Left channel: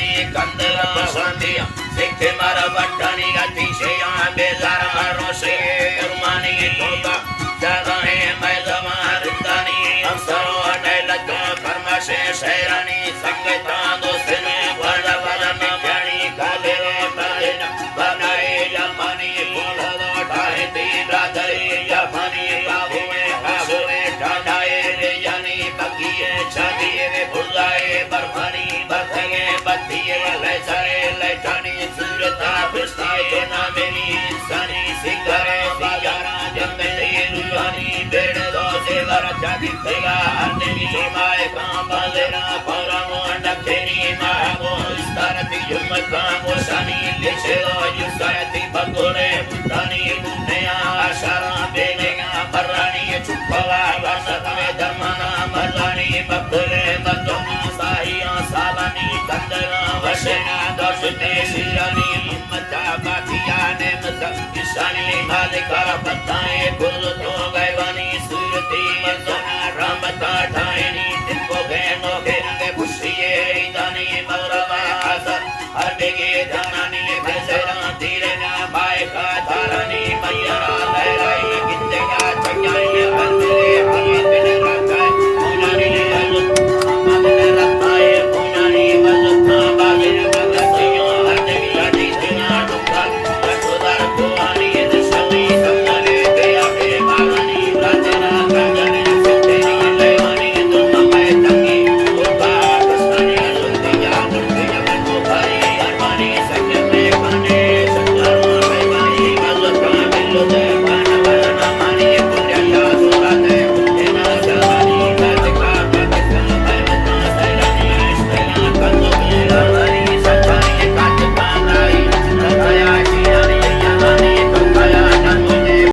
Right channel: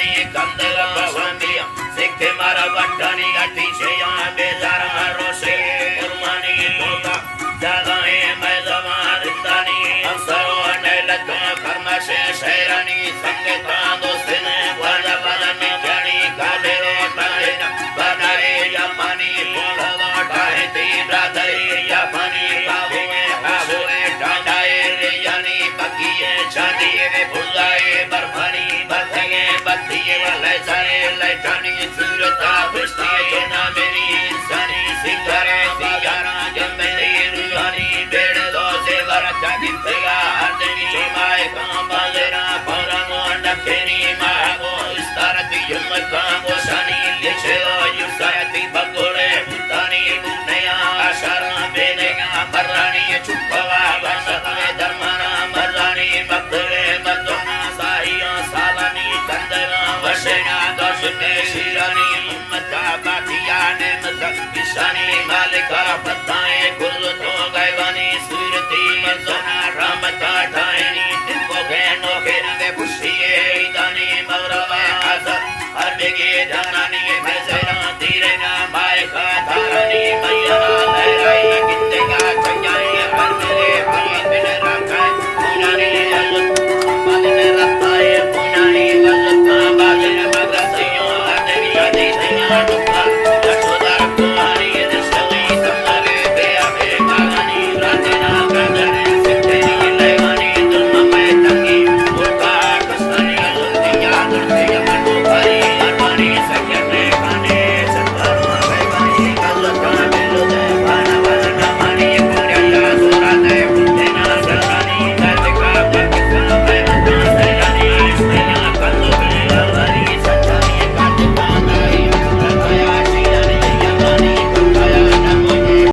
बरमानी कंदला बसंदिया सिखे मारा बट्टानी गाठी से यहाँ बेजार मारो से कुर्बानी तोता जगाए मैं जमार दानी अफसरों ने लज्जा कर्म से शहरानी संगता दोस्त ने वाला वाला न बनी काले रोटाए न बनाए या पानी बोला रोटाए ती ब्रादरी या पानी काबुए ठाठाए रे यानी बकिए छाती रे भुलाए बरफानी बथगे बत्तिए ले सारे लैटानी सूरता बिस्ताए ना मेरी इंसानी सिंगारा बिगारा जमेरी रुहानी बेड़ दो से बरका दिखेगा हरनी माए काम बाजेरा पौरामो डकेनी माए वो इस तरह युमत काम वो शानी लिखे लो युसायती बगोड़े बुतानी बुनेया आशारा बेनेगा बरानी चुपवा वासता धर्माना मजानी बगड़े बदोना साहिया सालानी कंदला वशेगा दर्शने शिरानी हिम्मत का बाकिया ने मजक किशानी मालिका बताए कुल